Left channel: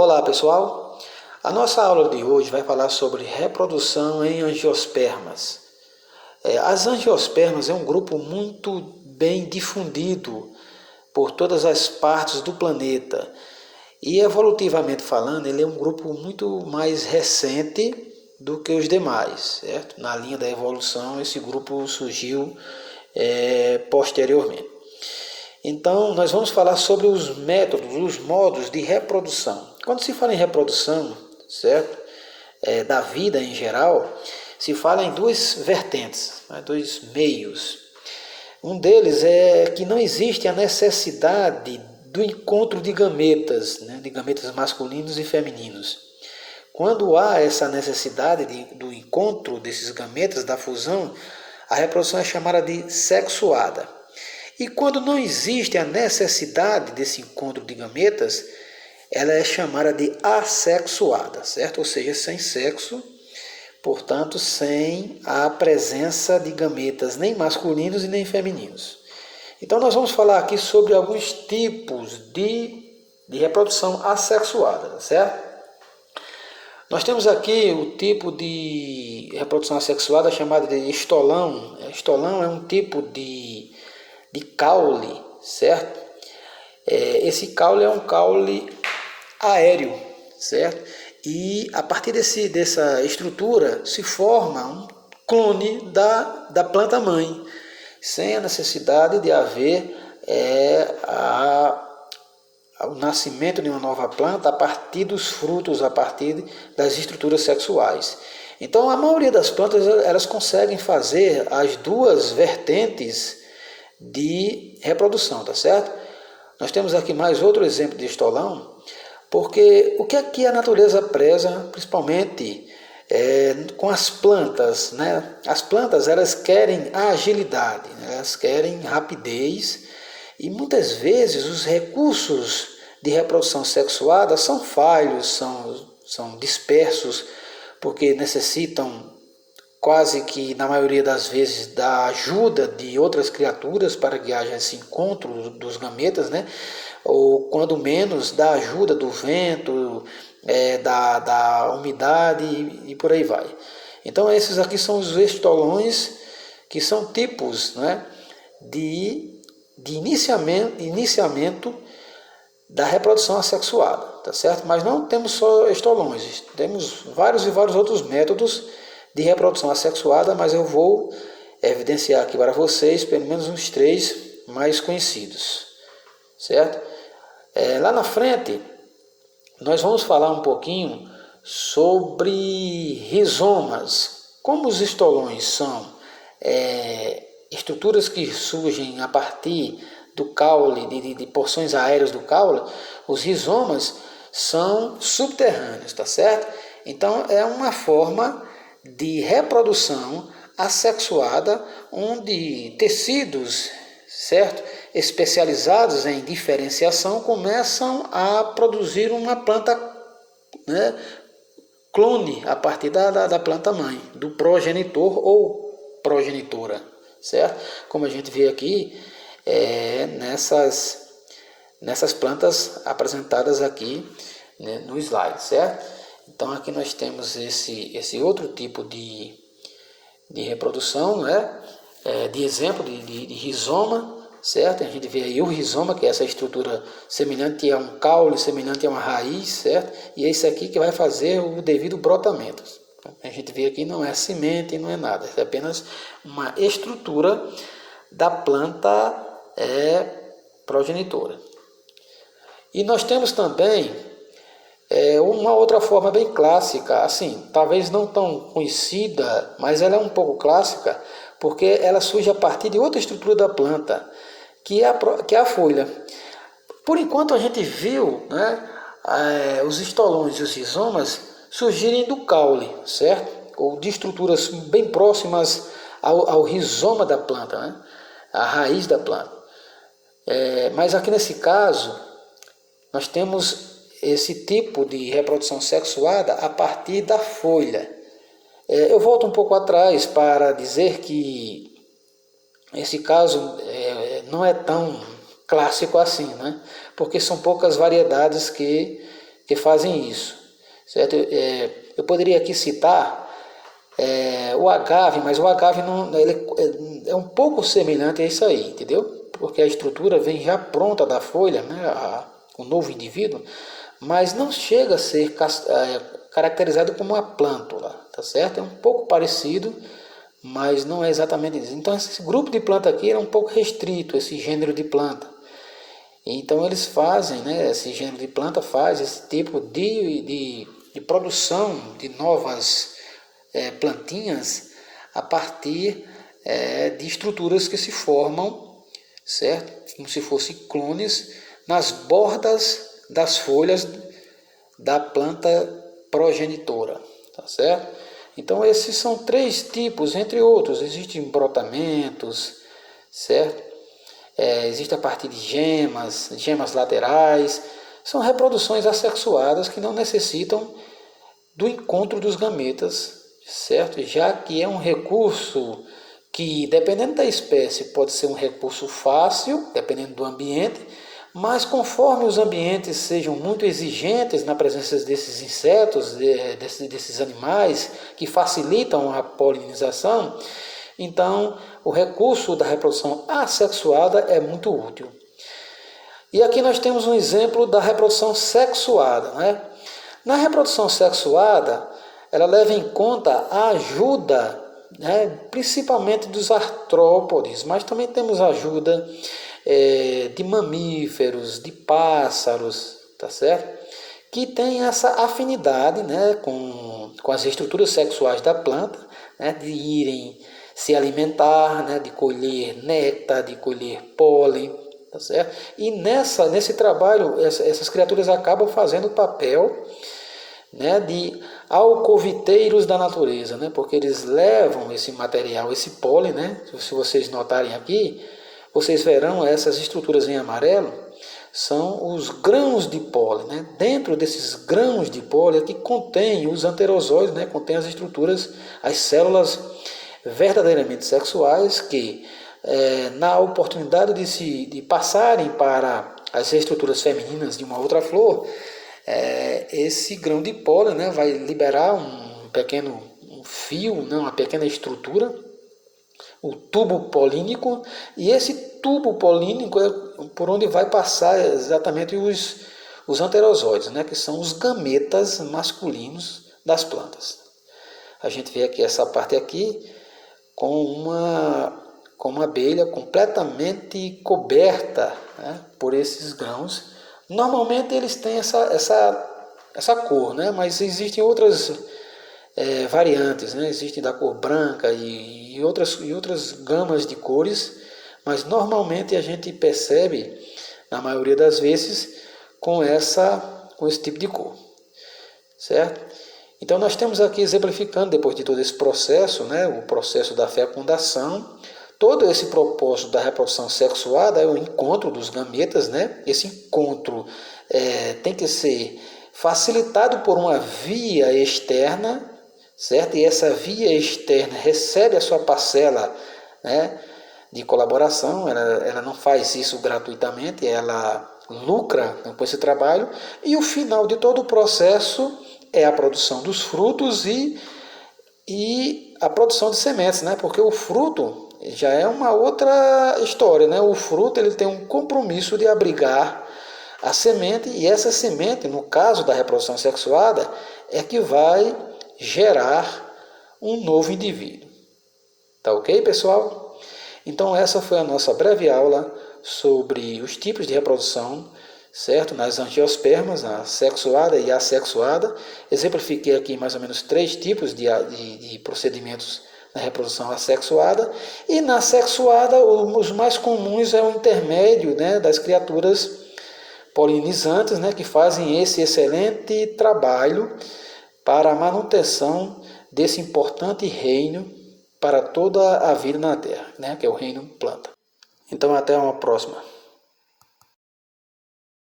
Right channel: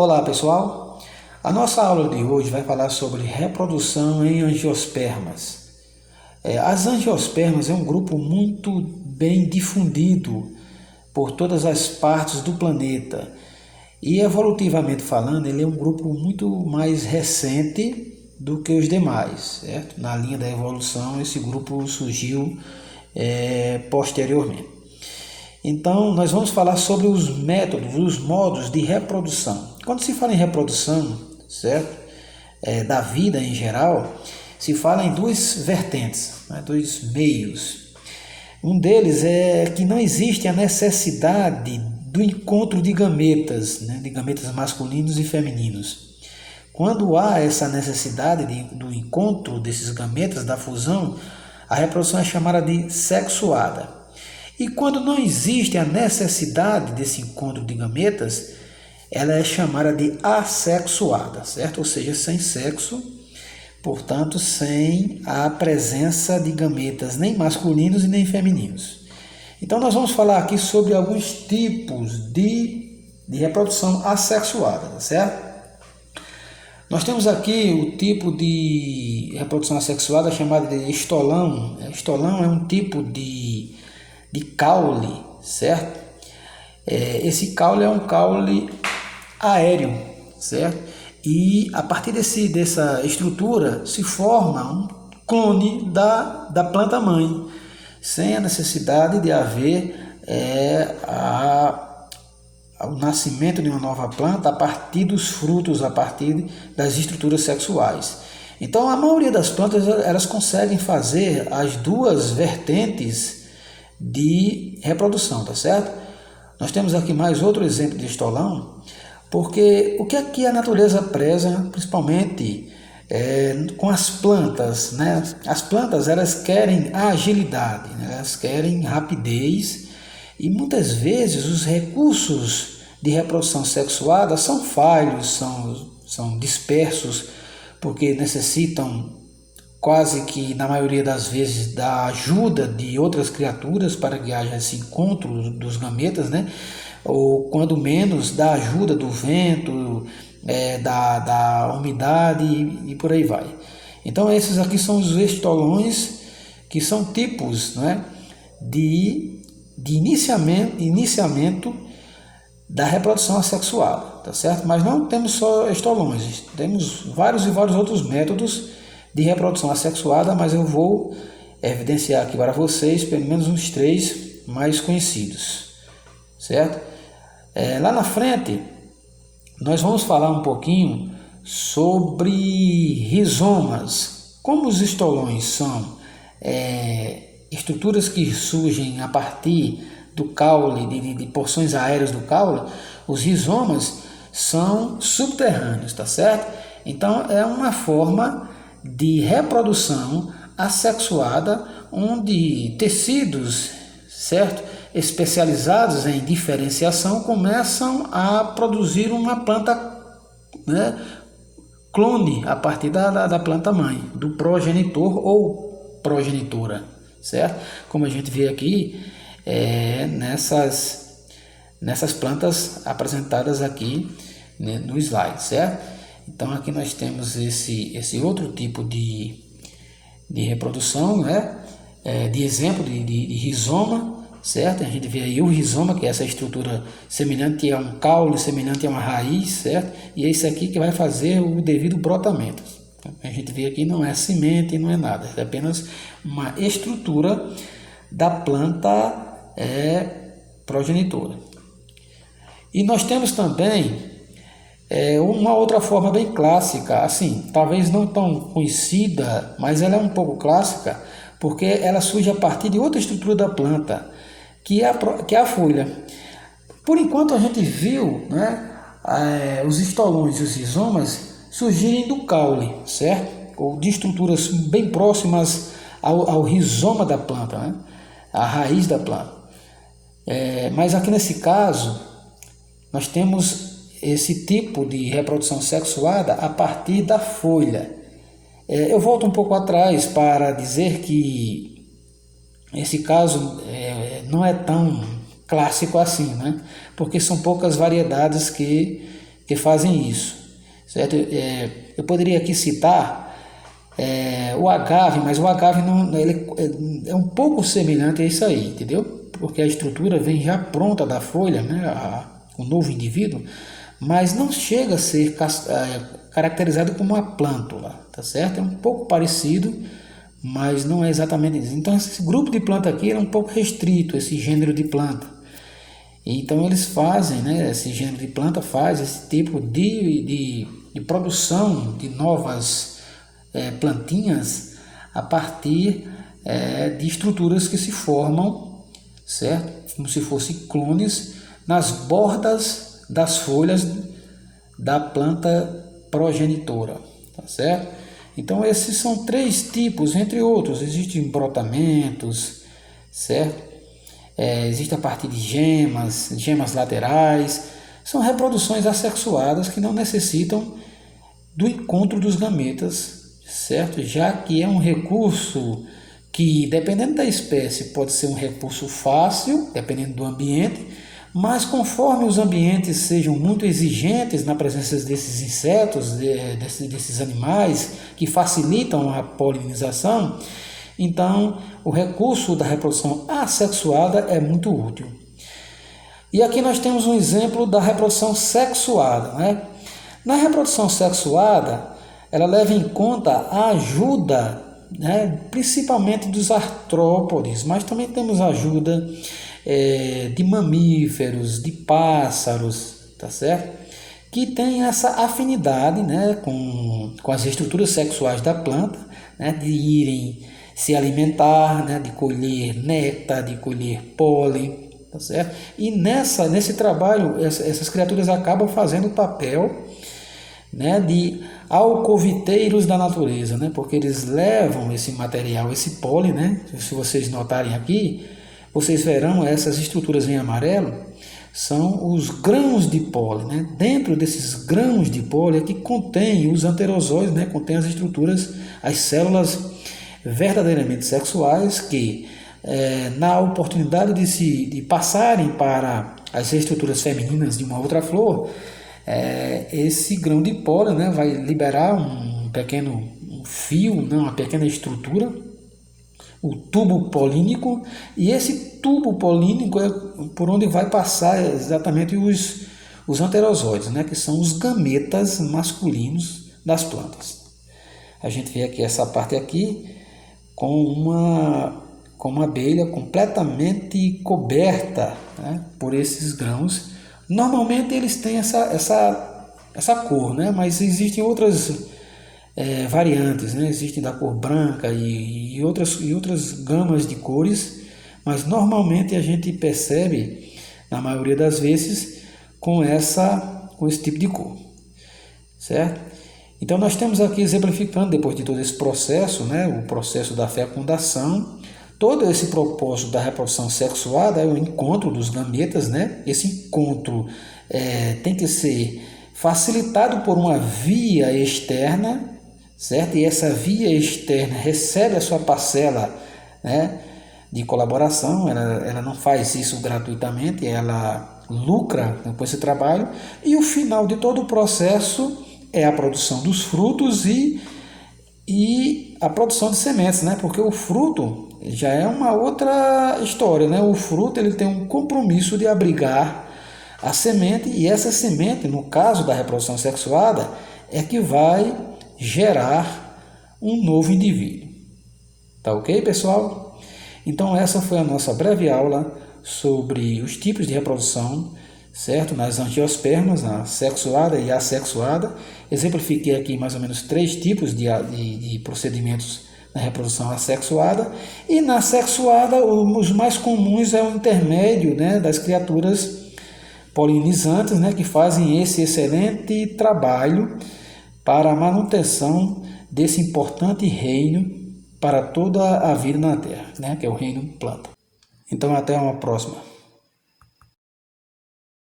Olá pessoal, a nossa aula de hoje vai falar sobre reprodução em angiospermas. As angiospermas é um grupo muito bem difundido por todas as partes do planeta e evolutivamente falando ele é um grupo muito mais recente do que os demais, certo? Na linha da evolução esse grupo surgiu posteriormente. Então, nós vamos falar sobre os métodos, os modos de reprodução. Quando se fala em reprodução, certo? Da vida em geral, se fala em duas vertentes, né? Dois meios. Um deles é que não existe a necessidade do encontro de gametas, né? De gametas masculinos e femininos. Quando há essa necessidade do encontro desses gametas, da fusão, a reprodução é chamada de sexuada. E quando não existe a necessidade desse encontro de gametas, ela é chamada de assexuada, certo? Ou seja, sem sexo, portanto, sem a presença de gametas nem masculinos e nem femininos. Então, nós vamos falar aqui sobre alguns tipos de reprodução assexuada, certo? Nós temos aqui o tipo de reprodução assexuada chamada de estolão. Estolão é um tipo de caule, certo? Esse caule é um caule aéreo, certo? E a partir dessa estrutura se forma um clone da planta mãe, sem a necessidade de haver o nascimento de uma nova planta a partir dos frutos, a partir das estruturas sexuais. Então a maioria das plantas elas conseguem fazer as duas vertentes de reprodução, tá certo? Nós temos aqui mais outro exemplo de estolão, porque o que aqui a natureza preza, principalmente com as plantas, né? As plantas elas querem agilidade, né? Elas querem rapidez e muitas vezes os recursos de reprodução sexuada são falhos, são dispersos, porque necessitam quase que na maioria das vezes da ajuda de outras criaturas para que haja esse encontro dos gametas, né? Ou quando menos da ajuda do vento, da umidade e por aí vai. Então esses aqui são os estolões, que são tipos, né, de iniciamento da reprodução assexuada, tá certo? Mas não temos só estolões, temos vários e vários outros métodos de reprodução assexuada, mas eu vou evidenciar aqui para vocês pelo menos uns 3 mais conhecidos, certo? Lá na frente nós vamos falar um pouquinho sobre rizomas. Como os estolões são estruturas que surgem a partir do caule, de porções aéreas do caule, os rizomas são subterrâneos, tá certo? Então é uma forma de reprodução assexuada, onde tecidos, certo, especializados em diferenciação começam a produzir uma planta, né, clone a partir da planta mãe, do progenitor ou progenitora, certo? Como a gente vê aqui nessas plantas apresentadas aqui, né, no slide, certo? Então aqui nós temos esse outro tipo de reprodução, né? De exemplo de rizoma, certo? A gente vê aí o rizoma, que é essa estrutura semelhante a um caule, semelhante a uma raiz, certo? E é isso aqui que vai fazer o devido brotamento. A gente vê aqui não é semente, não é nada, é apenas uma estrutura da planta progenitora. E nós temos também uma outra forma bem clássica, assim, talvez não tão conhecida, mas ela é um pouco clássica, porque ela surge a partir de outra estrutura da planta, que é a folha. Por enquanto a gente viu, né, os estolões e os rizomas surgirem do caule, certo? Ou de estruturas bem próximas ao rizoma da planta, né? A raiz da planta. Mas aqui nesse caso, nós temos esse tipo de reprodução sexuada a partir da folha. Eu volto um pouco atrás para dizer que esse caso não é tão clássico assim, né? Porque são poucas variedades que que fazem isso, certo? Eu poderia aqui citar o agave, mas o agave não, ele é um pouco semelhante a isso aí, entendeu? Porque a estrutura vem já pronta da folha, né? O novo indivíduo, mas não chega a ser caracterizado como uma plântula, tá certo? É um pouco parecido, mas não é exatamente isso. Então esse grupo de planta aqui é um pouco restrito, esse gênero de planta. Então eles fazem, né? Esse gênero de planta faz esse tipo de produção de novas plantinhas a partir de estruturas que se formam, certo? Como se fossem clones nas bordas das folhas da planta progenitora, tá certo? Então esses são 3 tipos, entre outros. Existem brotamentos, certo? Existe a partir de gemas laterais. São reproduções assexuadas que não necessitam do encontro dos gametas, certo? Já que é um recurso que, dependendo da espécie, pode ser um recurso fácil, dependendo do ambiente, mas conforme os ambientes sejam muito exigentes na presença desses insetos, desses animais que facilitam a polinização, então o recurso da reprodução assexuada é muito útil. E aqui nós temos um exemplo da reprodução sexuada, né? Na reprodução sexuada, ela leva em conta a ajuda, né, principalmente dos artrópodes, mas também temos ajuda de mamíferos, de pássaros, tá certo? Que tem essa afinidade, né, com as estruturas sexuais da planta, né, de irem se alimentar, né, de colher néctar, de colher pólen, tá certo? E nesse trabalho, essas criaturas acabam fazendo o papel, né, de alcoviteiros da natureza, né, porque eles levam esse material, esse pólen, né, se vocês notarem aqui, vocês verão essas estruturas em amarelo, são os grãos de pólen, né? Dentro desses grãos de pólen é que contém os anterozóides, né, contém as estruturas, as células verdadeiramente sexuais que, na oportunidade de passarem para as estruturas femininas de uma outra flor, esse grão de pólen, né, vai liberar um pequeno fio, né, uma pequena estrutura, o tubo polínico, e esse tubo polínico é por onde vai passar exatamente os anterozóides, né, que são os gametas masculinos das plantas. A gente vê aqui essa parte aqui com uma abelha completamente coberta, né, por esses grãos. Normalmente eles têm essa cor, né, mas existem outras variantes, né? Existem da cor branca e outras gamas de cores, mas normalmente a gente percebe, na maioria das vezes, com esse tipo de cor, certo? Então nós temos aqui exemplificando, depois de todo esse processo, né, o processo da fecundação, todo esse propósito da reprodução sexuada é o encontro dos gametas, né? Esse encontro tem que ser facilitado por uma via externa, certo? E essa via externa recebe a sua parcela, né, de colaboração, ela não faz isso gratuitamente, ela lucra com esse trabalho, e o final de todo o processo é a produção dos frutos e a produção de sementes, né? Porque o fruto já é uma outra história, né? O fruto ele tem um compromisso de abrigar a semente, e essa semente, no caso da reprodução sexuada, é que vai gerar um novo indivíduo. Tá ok, pessoal? Então essa foi a nossa breve aula sobre os tipos de reprodução, certo? Nas angiospermas, a sexuada e assexuada. Exemplifiquei aqui mais ou menos 3 tipos de procedimentos na reprodução assexuada. E na sexuada, os mais comuns é o intermédio, né, das criaturas polinizantes, né, que fazem esse excelente trabalho para a manutenção desse importante reino para toda a vida na Terra, né, que é o reino planta. Então até uma próxima.